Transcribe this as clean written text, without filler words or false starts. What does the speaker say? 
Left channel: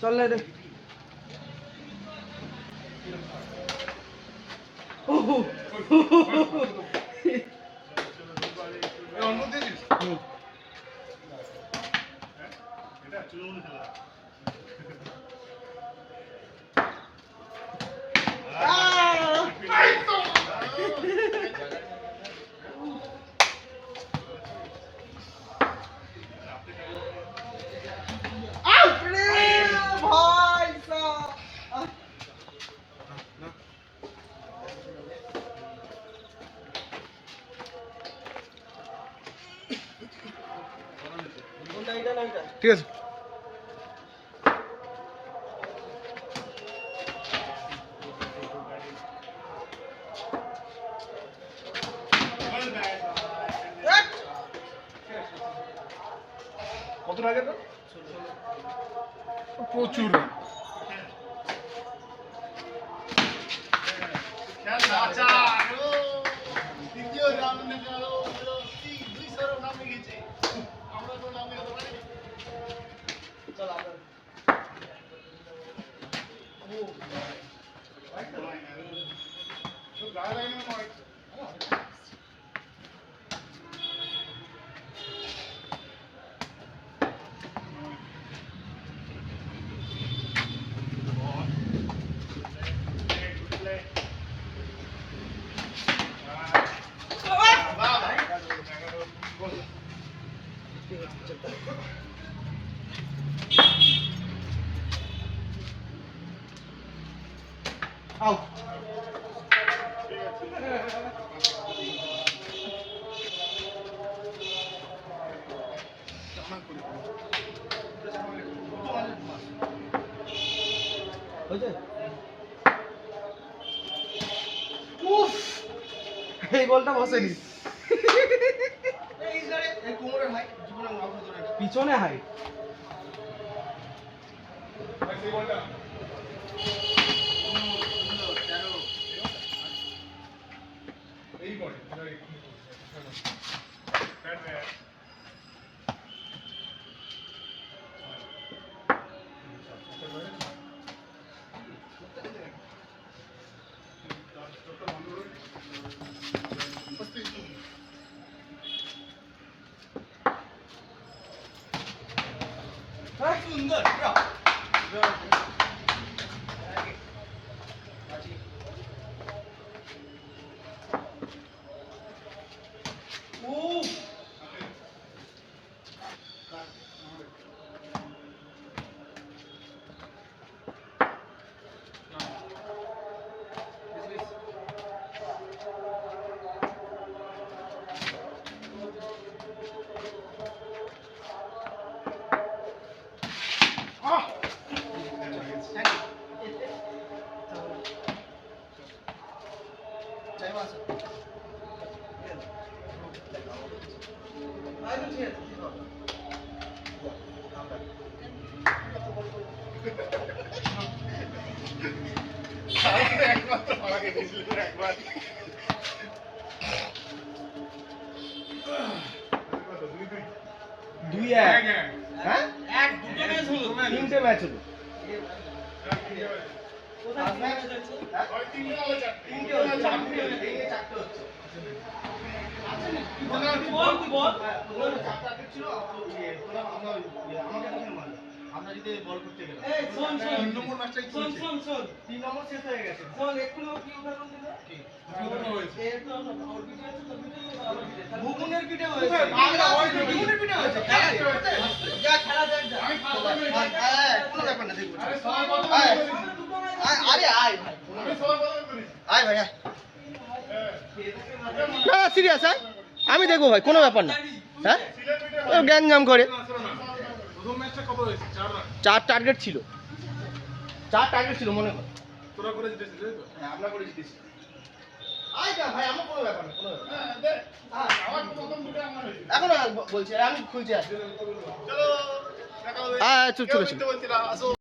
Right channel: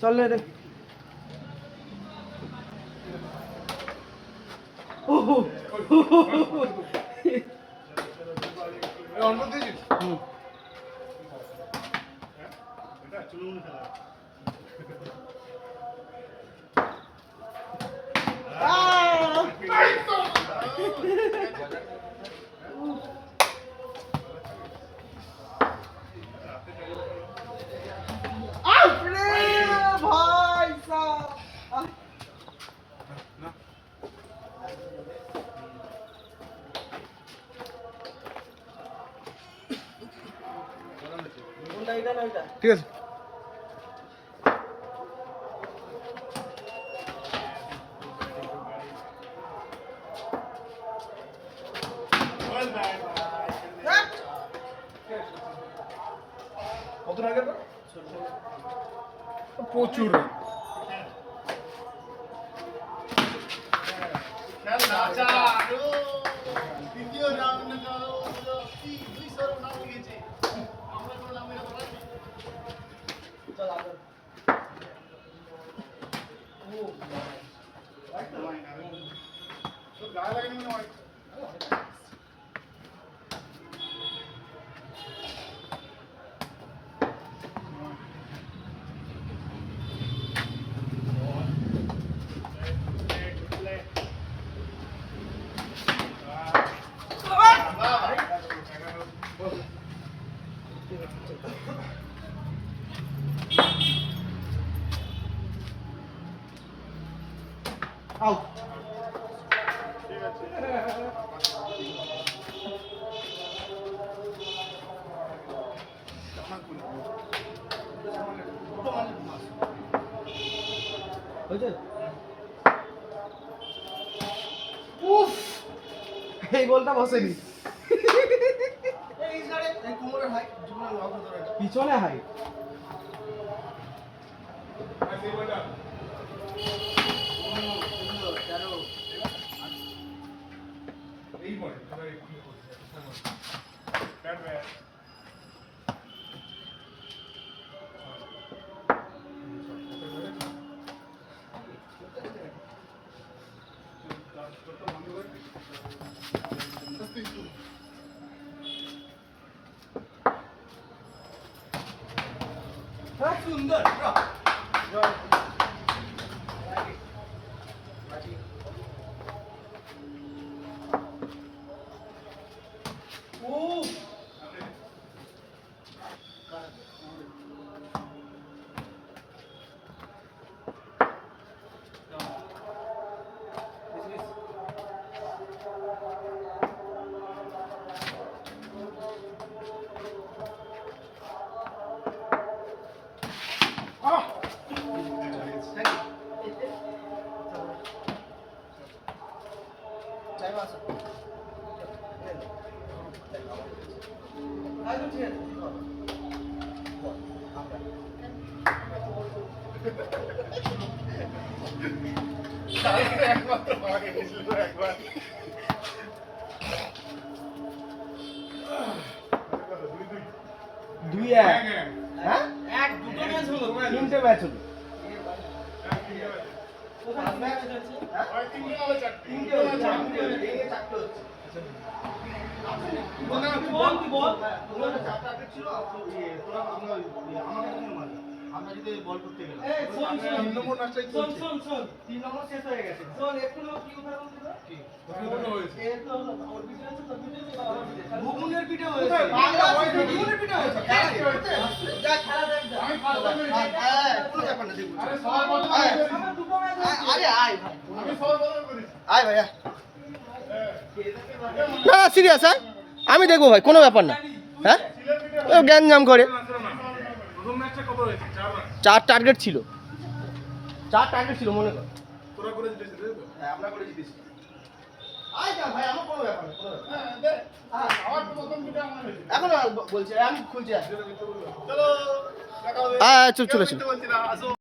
চল না রে। ওহো অন্য দিয়েছিস? এটা চুলুন খেলা। ঠিক আছে। কত লাগে তো? প্রচুর দ্বিতীয় নাম লেখালো হলো 200 নাম লিখেছে। আমরা কোনো নাম লেখাতে পারিনি। চল আগে ও ভাই তো গায়ে লাগেনি নয়। আউট। ঠিক আছে। উফ, এই বলটা বসেনি। পিছনে হাই এই বলে সুন্দর। একবার দুই এক। হ্যাঁ এক দুটো ম্যাচ হলো, তিনটে ম্যাচ হলো। আমরা যদি বল করতে গেলাম তিন নম্বর ম্যাচটাই চলছে। তিন নম্বর শেষ হয়ে গেছে। ভুবনের পিঠে হয়েছে। ভুবনের পিঠে হয়েছে। যা খেলা দেখ যা। কোনো ব্যাপার না দেখব। আরে সবাই বল করে। আরে আয় ভাই। আমি সবাই বল করি। আয় ভাই আয়। না সিরিয়াস হ্যাঁ? আমি দেখবো ভাই, কোনো ব্যাপার না। হ্যাঁ? ও জ্ঞান জাম করে। প্রথম ম্যাচটা কত হয়েছে? 4 রান। 4 টার্গেট ছিল। 4 টার্গেট ছিল মনে কর। তোরা করে জিতেছিস তাই তো? হ্যাঁ আমরা করে জিতেছি। আয় না ভাই, আমার কোনো ব্যাপার না, কোনো ব্যাপার না। হ্যাঁ দে। আমার প্রথম দুটো আমার হয়েছে। এখন বলছি আমি খুলছি। চলো দেখা হবে। চলে বলছি না আসো।